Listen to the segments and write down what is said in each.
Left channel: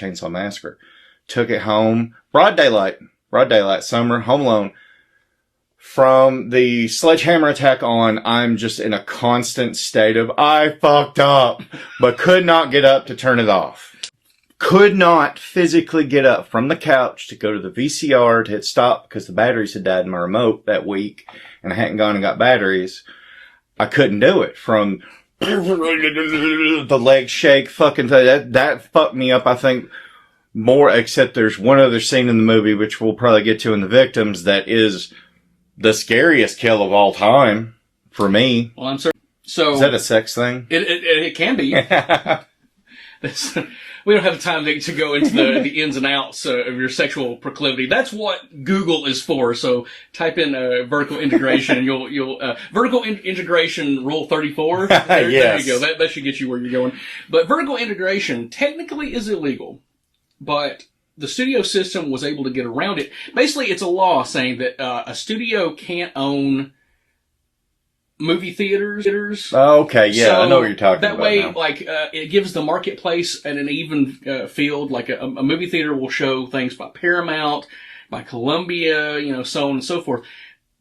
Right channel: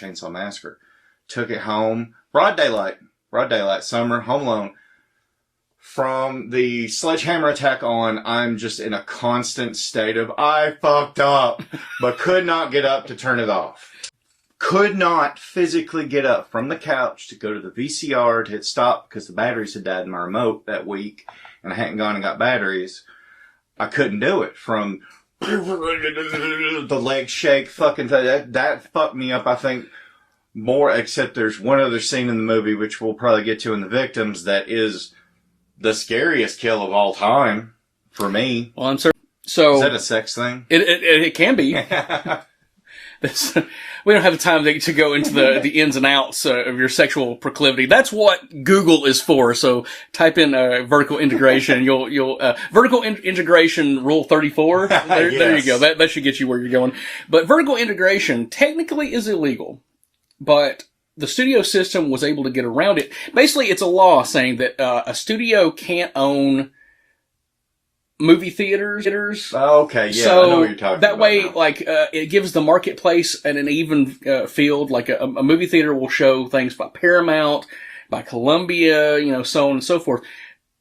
Chainsaw Massacre. Took it home. Broad daylight, summer, home alone. From the sledgehammer attack on, I'm just in a constant state of, I fucked up, but could not get up to turn it off. Could not physically get up from the couch to go to the VCR to hit stop because the batteries had died in my remote that week and I hadn't gone and got batteries. I couldn't do it. From the leg shake fucking thing, that fucked me up, I think, more, except there's one other scene in the movie, which we'll probably get to in the victims, that is the scariest kill of all time for me. Well, I'm sorry. So is that a sex thing? It can be. We don't have time to go into the ins and outs of your sexual proclivity. That's what Google is for. So type in vertical integration. You'll vertical integration rule 34. There you go. That should get you where you're going. But vertical integration technically is illegal, but the studio system was able to get around it. Basically, it's a law saying that a studio can't own movie theaters. Oh, okay, yeah, so I know what you're talking about. That way, it gives the marketplace an even field. Like a movie theater will show things by Paramount, by Columbia, so on and so forth.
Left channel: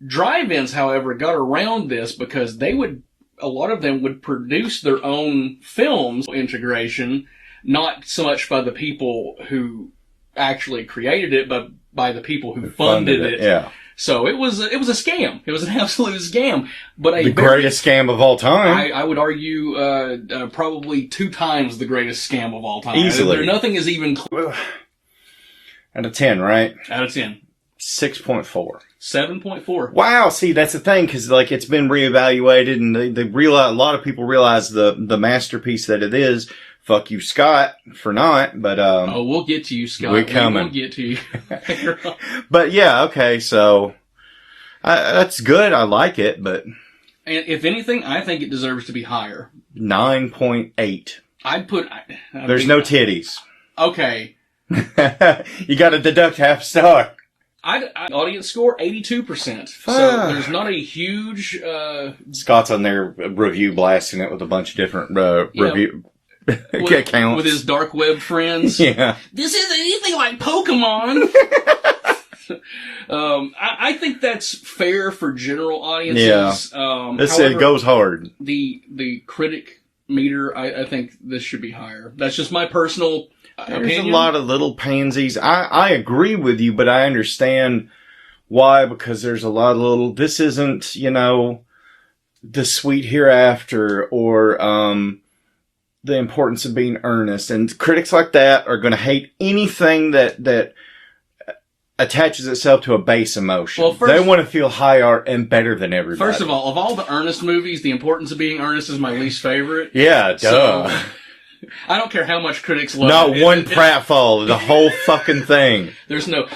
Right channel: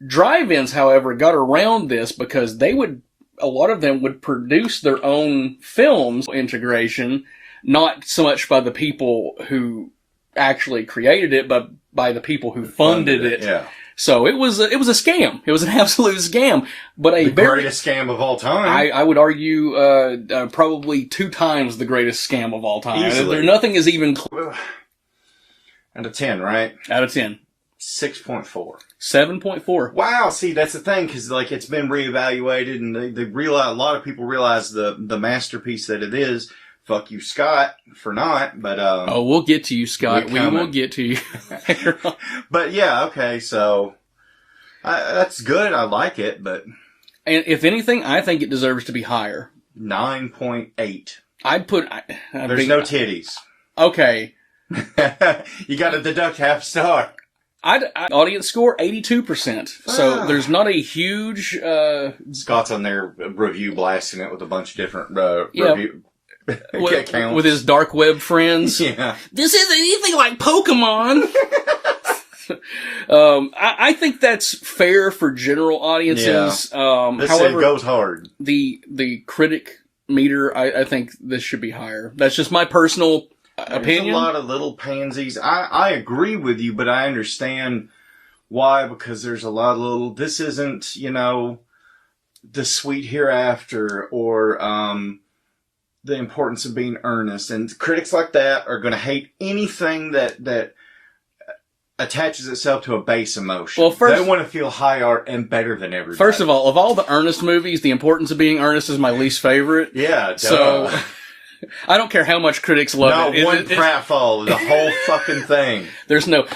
Drive-ins, however, got around this because a lot of them would produce their own films. Integration, not so much by the people who actually created it, but by the people who funded it. Yeah. So it was a scam. It was an absolute scam. But the greatest scam of all time. I would argue probably 2 times the greatest scam of all time. Easily. Nothing is even out of 10, right? Out of 10. 6.4. 7.4. Wow, see, that's the thing, because it's been reevaluated, and they realize, a lot of people realize the masterpiece that it is. Fuck you, Scott, for not, but we'll get to you, Scott. We'll get to you. But yeah, okay, so that's good. I like it, but and if anything, I think it deserves to be higher. 9.8. I'd put. There's no titties. Okay. You got to deduct half star. Audience score 82%. So there's not a huge. Scott's on their review blasting it with a bunch of different review. Accounts. With his dark web friends. Yeah. This isn't anything like Pokemon. I think that's fair for general audiences. Yeah. However, it goes hard. The critic meter, I think this should be higher. That's just my personal opinion. There's a lot of little pansies. I agree with you, but I understand why, because there's a lot of little, this isn't, the sweet hereafter, or, the importance of being earnest. And critics like that are going to hate anything that attaches itself to a base emotion. Well, they want to feel high art and better than everybody. First of all, of all the earnest movies, The Importance of Being Earnest is my least favorite. Yeah, duh. So, I don't care how much critics love it. Not one pratfall, the whole fucking thing. There's no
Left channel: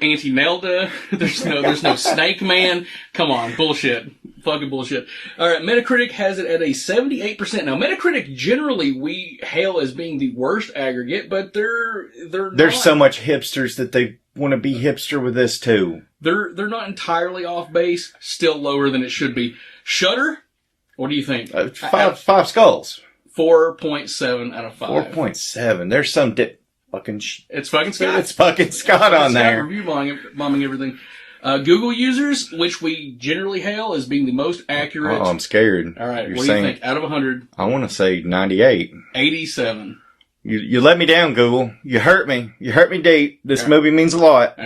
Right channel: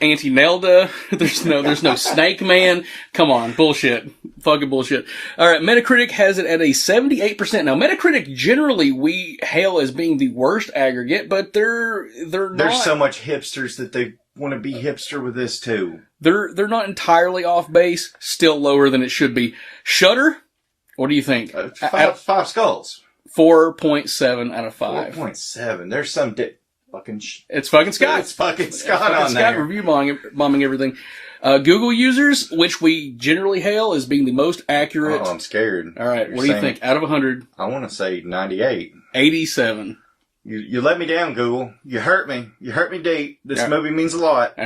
Auntie Nelda. There's no Snake Man. Come on, bullshit. Fucking bullshit. All right, Metacritic has it at a 78%. Now, Metacritic generally we hail as being the worst aggregate, but they're not. There's so much hipsters that they want to be hipster with this too. They're not entirely off base. Still lower than it should be. Shudder. What do you think? 5 skulls. 4.7 out of 5. 4.7. There's some It's fucking Scott. It's fucking Scott on there. Scott review bombing everything. Google users, which we generally hail as being the most accurate. Oh, I'm scared. All right, what do you think? Out of 100? I want to say 98. 87. You let me down, Google. You hurt me. You hurt me deep. This movie means a lot.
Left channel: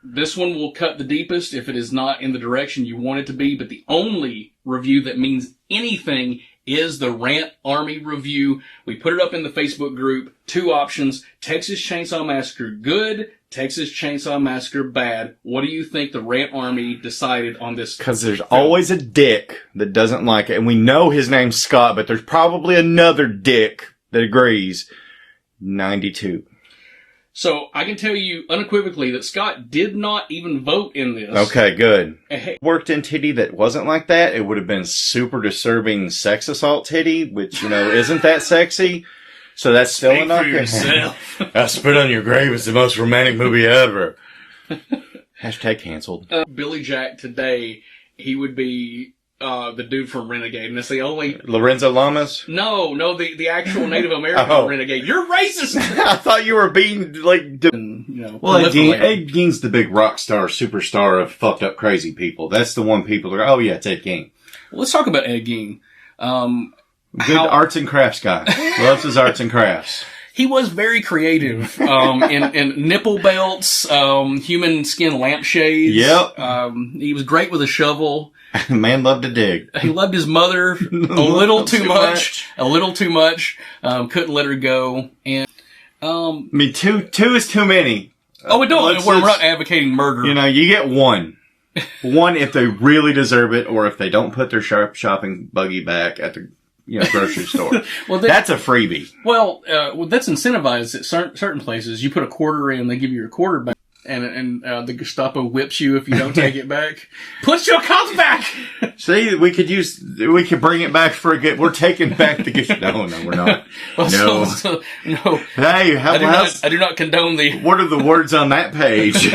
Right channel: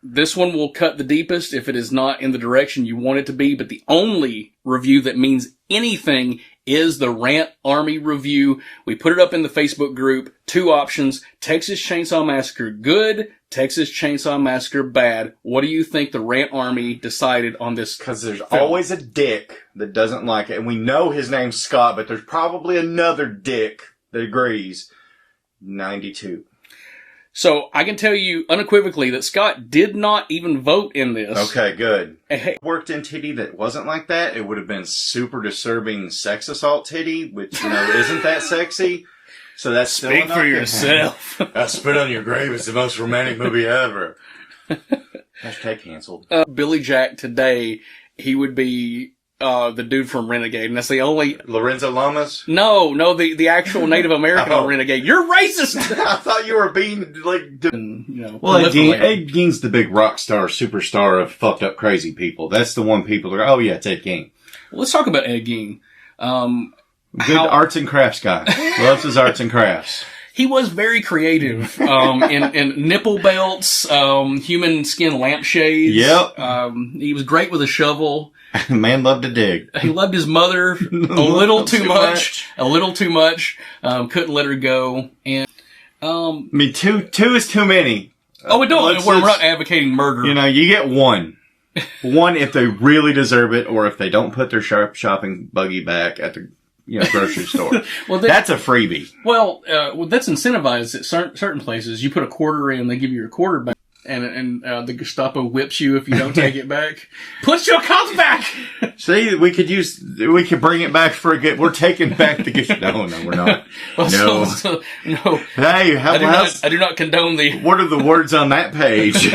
This one will cut the deepest if it is not in the direction you want it to be, but the only review that means anything is the Rant Army review. We put it up in the Facebook group. 2 options. Texas Chainsaw Massacre good. Texas Chainsaw Massacre bad. What do you think the Rant Army decided on this? Because there's always a dick that doesn't like it. And we know his name's Scott, but there's probably another dick that agrees. 92. So I can tell you unequivocally that Scott did not even vote in this. Okay, good. Worked in titty that wasn't like that, it would have been super disturbing sex assault titty, which, isn't that sexy. So that's still enough. Speak for yourself. I Spit on Your Grave is the most romantic movie ever. Hashtag canceled. Billy Jack today, he would be the dude from Renegade, and that's the only. Lorenzo Lamas? No, the actual Native American Oh. Renegade. You're racist. I thought you were being like. And, you know, Well, Ed proliferating. Gein's the big rock star, superstar of fucked up crazy people. That's the one people are. Oh yeah, it's Ed Gein. Well, let's talk about Ed Gein. Good arts and crafts guy. Loves his arts and crafts. He was very creative in nipple belts, human skin lampshades. Yep. He was great with a shovel. Man loved to dig. He loved his mother a little too much. A little too much. Couldn't let her go. And I mean, two is too many. we don't. Let's- We're not advocating murder. You know, you get one. One if they really deserve it, or if they don't put their shopping buggy back at the grocery store. Well, That's a freebie. Well, that's incentivized at certain places. You put a quarter in, they give you your quarter back, and the Gestapo whips you if you don't take it back. Put your cup back! See, we could bring it back for a good. We're taking back the gift. No, we're not. Well, No. No. Hey, I do not condone the. what are the words on that page?